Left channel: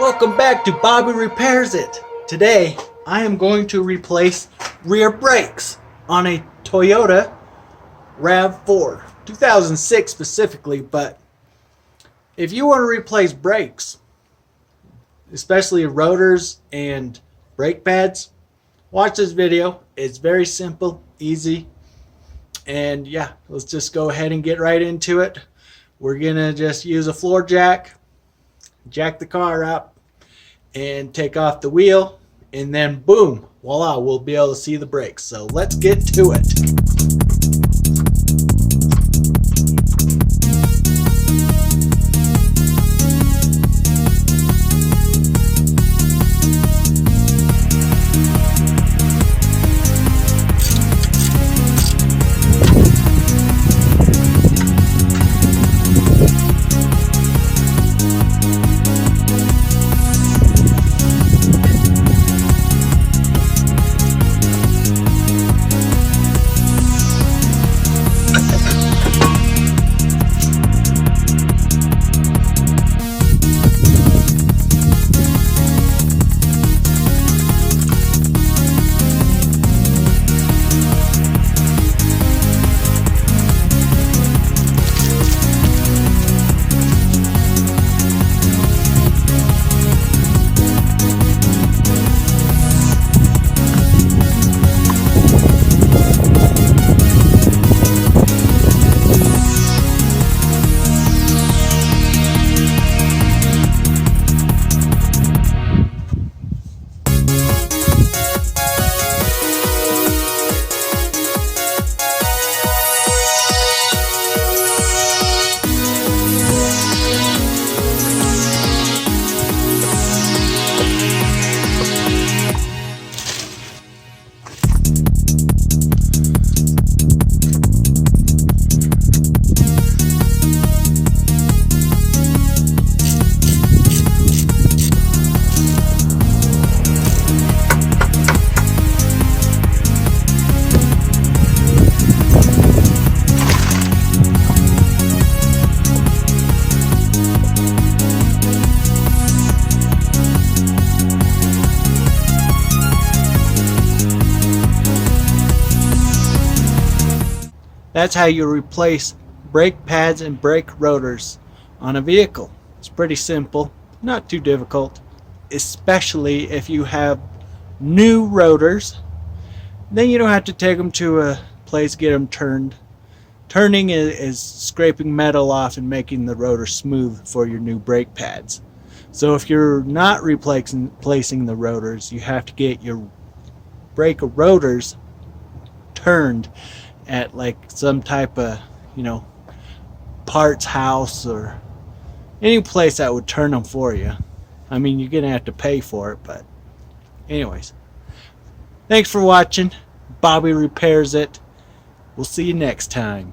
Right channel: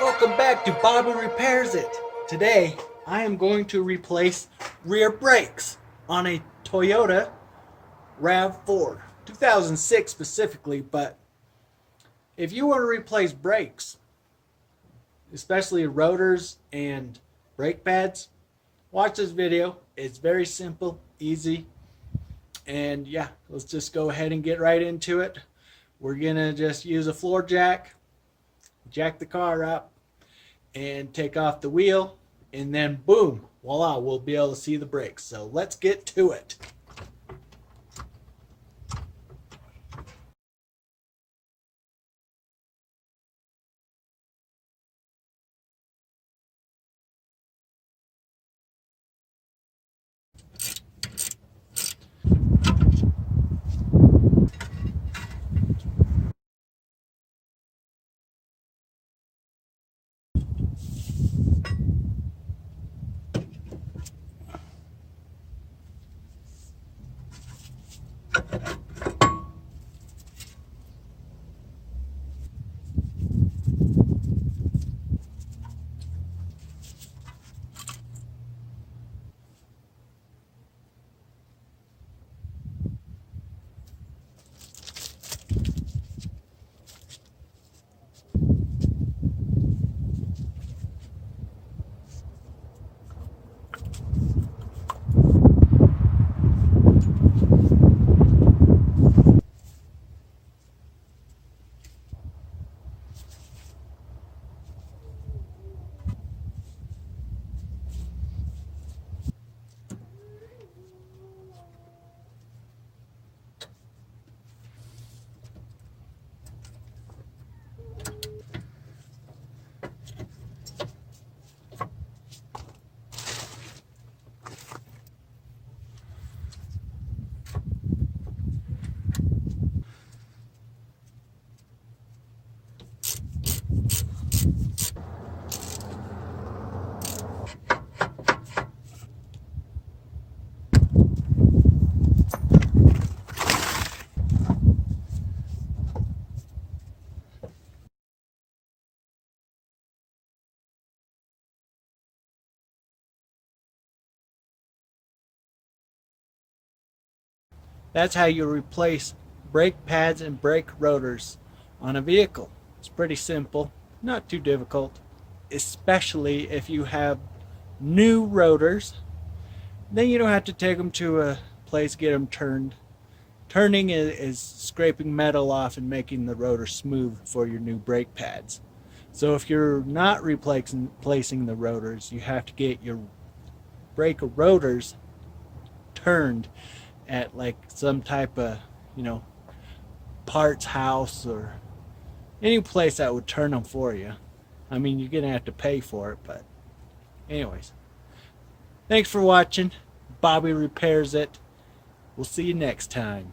Welcome back to Bobby Repairs It. Today, I am going to replace rear brakes on a Toyota RAV4, 2006 specifically, but if you want to replace brakes, especially rotors and brake pads, watch this video. It's very simple, easy, and yeah, let's just go ahead and get right into it. We're gonna just use a floor jack the car up and take off the wheel, and then boom, voila, we'll be able to see the brakes. So let's get to it. That's how you replace brake pads and brake rotors on a vehicle. It's pretty simple, not too difficult, especially if you have new rotors. Then you don't have to take them to a place to get them turned. Turning is scraping metal off and making the rotor smooth for your new brake pads. So if you're not replacing the rotors, you have to get your brake rotors turned at like some type of, parts house or any place that would turn them for you. I mean, you're gonna have to pay for it, but anyways, thanks for watching. Bobby Repairs It. We'll see you next time.